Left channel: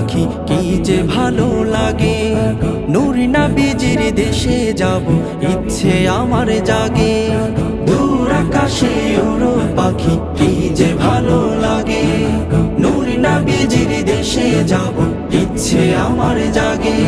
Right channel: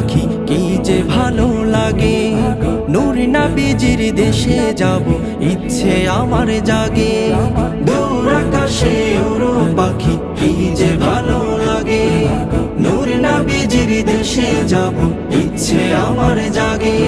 পাখি কি যে ভালো লাগে। নূর নবীজির দেশে যাব ইচ্ছে আমার জাগে। দূর আকাশে উড়ো পাখি কি যে ভালো লাগে। নূর নবীজির দেশে যাব ইচ্ছে আমার জাগে।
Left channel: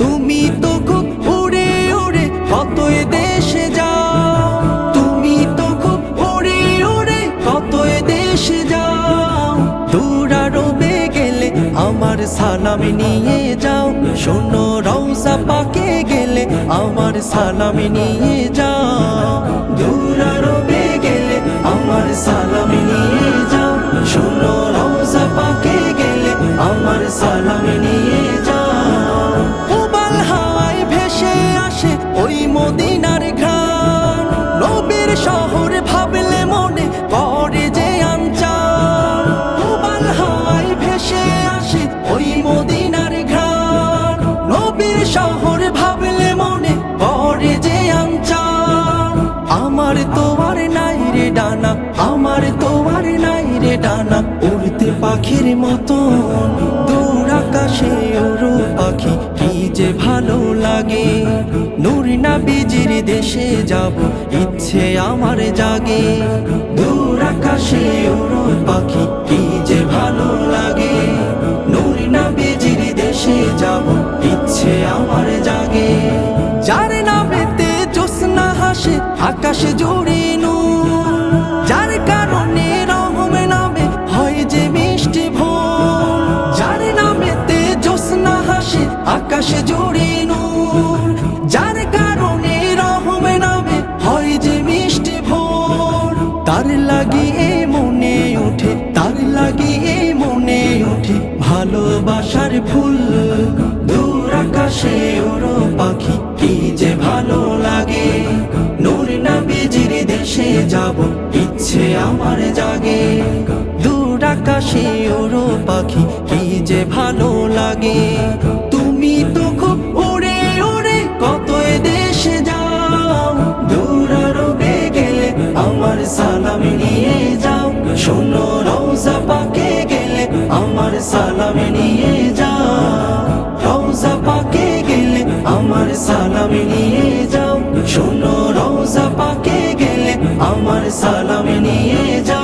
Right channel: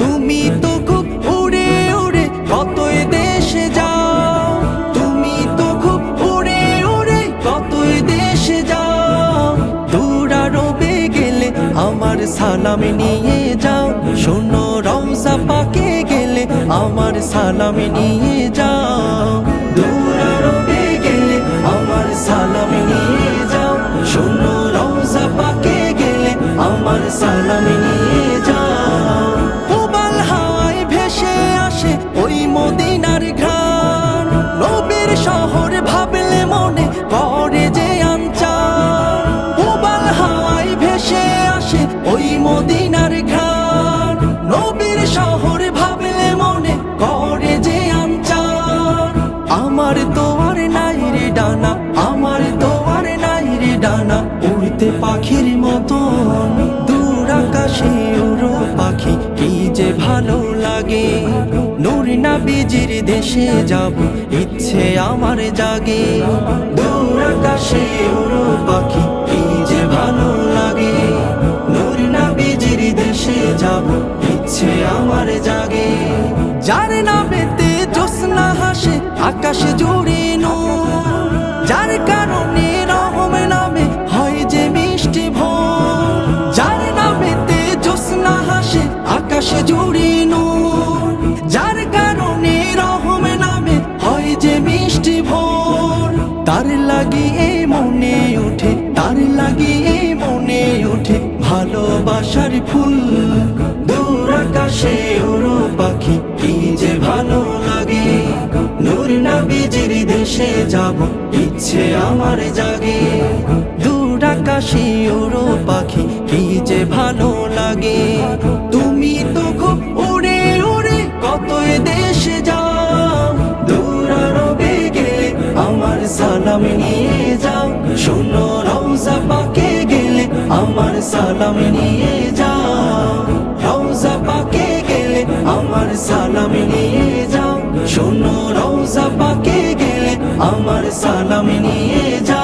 তুমি তো খুব উড়ে উড়ে কতই দেশে যাও। তুমি তো খুব উড়ে উড়ে কতই দেশে যাও। দূর আরবে গেলে আমার সালাম নিয়ে যাও। শোনো রওজা পাকে গেলে আমার সালাম নিয়ে যাও। দূর আরবে গেলে আমার সালাম নিয়ে যাও। শোনো রওজা পাকে গেলে আমার সালাম নিয়ে যাও। উবাল হাওয়ায় ভেসে আসে ওই মদিনার ঘ্রাণ। নবীর শহর ভাবলে মনে করে যে আনচান। উবাল হাওয়ায় ভেসে আসে ওই মদিনার ঘ্রাণ। নবীর শহর ভাবলে মনে করে যে আনচান। আমার তো আর নাই রে ডানা, আমার তো আর নাই রে ডানা, উড়তে পাখির মতো। দূর আকাশে উড়ো পাখি কি যে ভালো লাগে। নূর নবীজির দেশে যাব ইচ্ছে আমার জাগে। দূর আকাশে উড়ো পাখি কি যে ভালো লাগে। নূর নবীজির দেশে যাব ইচ্ছে আমার জাগে। যার নামেতে জ্যোৎস্না হাসে আকাশে জুড়ে নূর। যার কারণে রহম নামে হয় যে মিষ্টি ভোর। যার নামেতে জ্যোৎস্না হাসে আকাশে জুড়ে নূর। যার কারণে রহম নামে হয় যে মিষ্টি ভোর। তার লাগিয়ে মনে ওঠে, তার লাগিয়ে মনে ওঠে ভালোবাসার ফুল। দূর আকাশে উড়ো পাখি কি যে ভালো লাগে। নূর নবীজির দেশে যাব ইচ্ছে আমার জাগে। দূর আকাশে উড়ো পাখি কি যে ভালো লাগে। তুমি তো খুব উড়ে উড়ে কতই দেশে যাও। দূর আরবে গেলে আমার সালাম নিয়ে যাও। শোনো রওজা পাকে গেলে আমার সালাম নিয়ে যাও। রওজা পাকে গেলে আমার সালাম নিয়ে যাও। শোনো রওজা পাকে গেলে আমার সালাম নিয়ে যাও।